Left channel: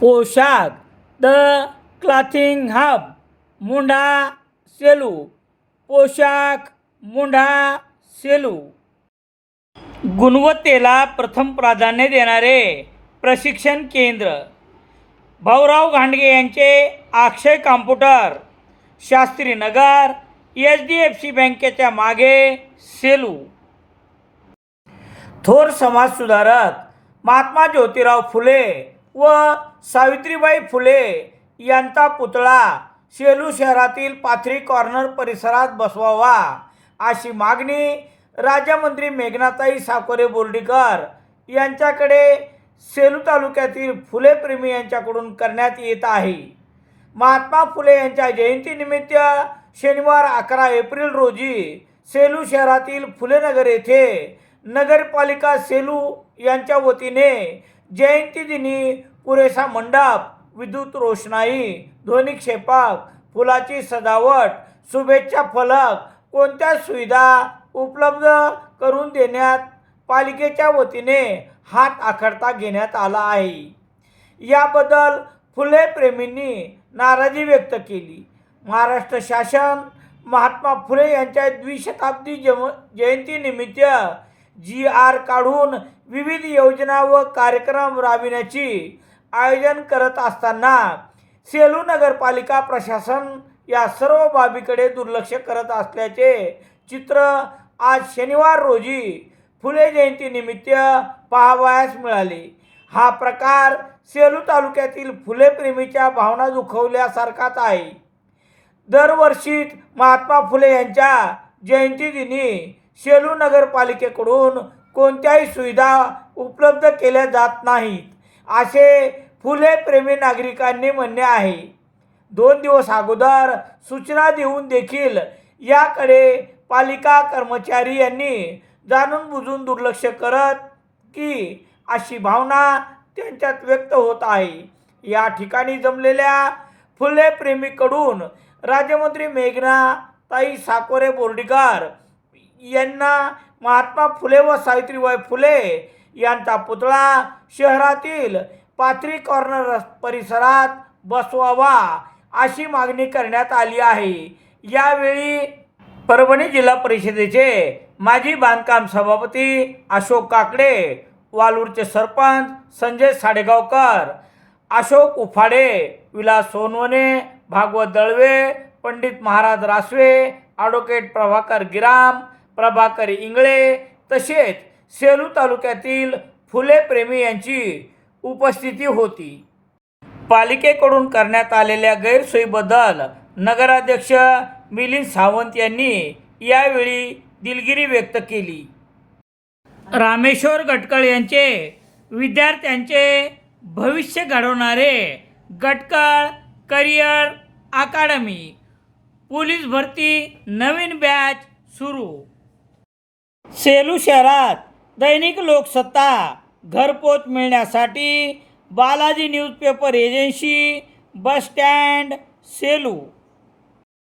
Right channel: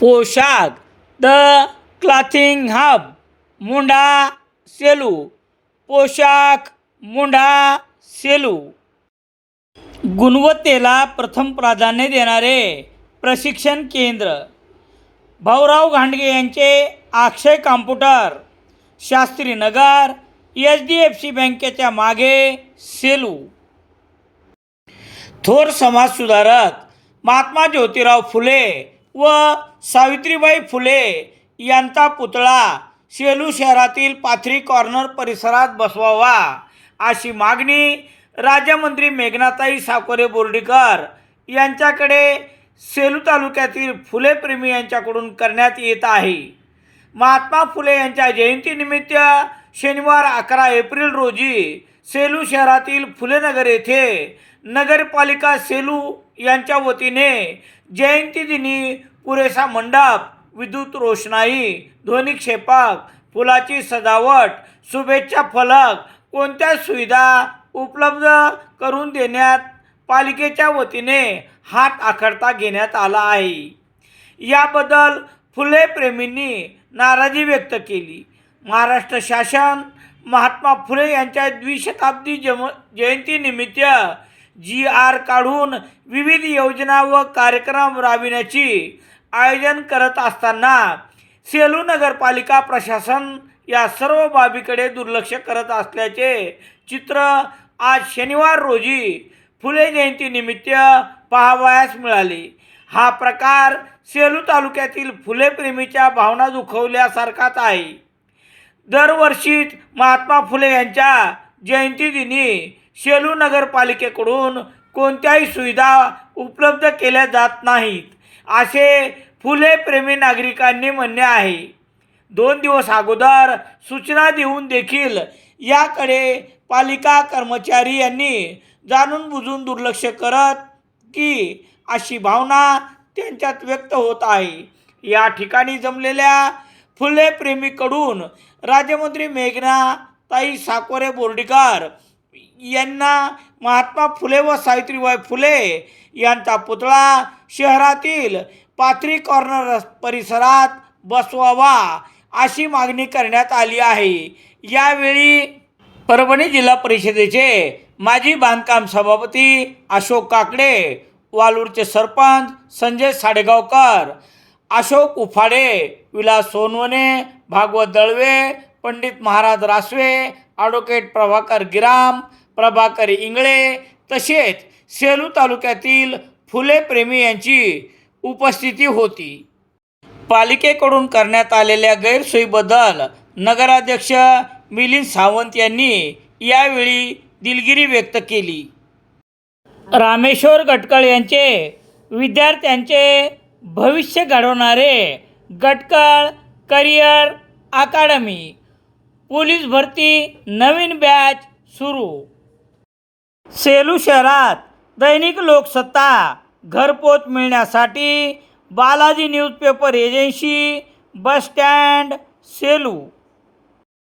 पोशाख the clothing hub मुंढा Selu. पोशाख मुंढा सेलू. गुणवत्तेला प्रथम प्राधान्य देणारे प्रशिक्षण केंद्र. भाऊराव घांडगे यांचे अक्षय कॉम्प्युटर, शास्त्रीनगर, HDFC बँकेच्या मागे, सेलू. थोर समाजसुधारक महात्मा ज्योतिराव फुले व सावित्रीबाई फुले यांचा पुतळा सेलू शहरातील पाथरी कॉर्नर परिसरात बसवावा अशी मागणी राज्यमंत्री मेघनाताई साकोरे बोर्डीकर यांच्याकडे सेलू तालुक्यातील फुलेप्रेमी यांच्याकडून करण्यात येत आहे. महात्मा फुले यांच्या जयंतीनिमित्त शनिवार 11 एप्रिल रोजी सेलू शहरातील फुलेनगर येथे नगरपालिका सेलू यांच्या वतीने जयंतीदिनी पुरेसा मंडप, विद्युत रोषणाई, ध्वनिक्षेपक, फुलाची सजावट, शुभेच्छा फलक कोणत्या सुविधा उपलब्ध करून देण्यात पालिकेच्या वतीने हात आखडता घेण्यात आला आहे. याबद्दल फुले प्रेमींनी नाराजी व्यक्त केली. महाराष्ट्र शासन महात्मा फुले यांच्या द्विशताब्दी जयंतीनिमित्त GR काढून विविध योजना व कार्यक्रम राबविण्याची आयोजन करत असताना सेलू नगरपालिका प्रशासन या सर्व बाबीकडे दुर्लक्ष करत असल्याचे चित्र आज शनिवार रोजी फुले जयंतीनिमित्त पाहावयास मिळाले. हा प्रकार सेलू तालुक्यातील फुलेप्रेमीच्या भावना दुखवल्यासारखाच आहे. दरवर्षीच महात्मा फुले यांच्या जयंतीदिनी सेलू नगरपालिकेकडून कोणत्याही सुविधा उपलब्ध केल्या जात नाहीत असे फुलेप्रेमी नागरिकांनी म्हणणे आहे. 2 दिवस अगोदर सूचना देऊन देखील याकडे पालिका कर्मचारी यांनी जाणून बुजून दुर्लक्ष करत की अशी भावना त्यांच्यात व्यक्त होत आहे. या ठिकाणी जमलेल्या फुलेप्रेमीकडून राज्यमंत्री मेघनाताई साकोरे बोर्डीकर यांना महात्मा फुले व सावित्रीबाई फुले यांचा पुतळा शहरातील पाथरी कॉर्नर परिसरात बसवावा अशी मागणी करण्यात आली आहे. यावेळी परभणी जिल्हा परिषदेचे माजी बांधकाम सभापती अशोक काकडे, वालूरचे सरपंच संजय साडेगावकर, अशोक उफाडे, विलास सोनवणे, भागवत दळवे, पंडित महाराज रासवे, ॲडव्होकेट प्रभाकर गिराम, प्रभाकर इंगळे तसेच सेलू तालुक्यातील फुलेप्रेमी यांची उपस्थिती होती. पालिकेकडून करण्यात आलेल्या गैरसोयीबद्दल नगराध्यक्ष मिलिंद सावंत यांनी यावेळी दिलगिरी व्यक्त केली. रामेश्वर गटकळ यांचे विद्यार्थ्यांचे भविष्य घडवणारे गटकळ करिअर अकादमी. पोलीस भरती नवीन बॅच सुरू. सेलू शहरात दैनिक लोकसत्ता घरपोच मिळण्यासाठी Balaji newspaper agency, bus stand, Selu.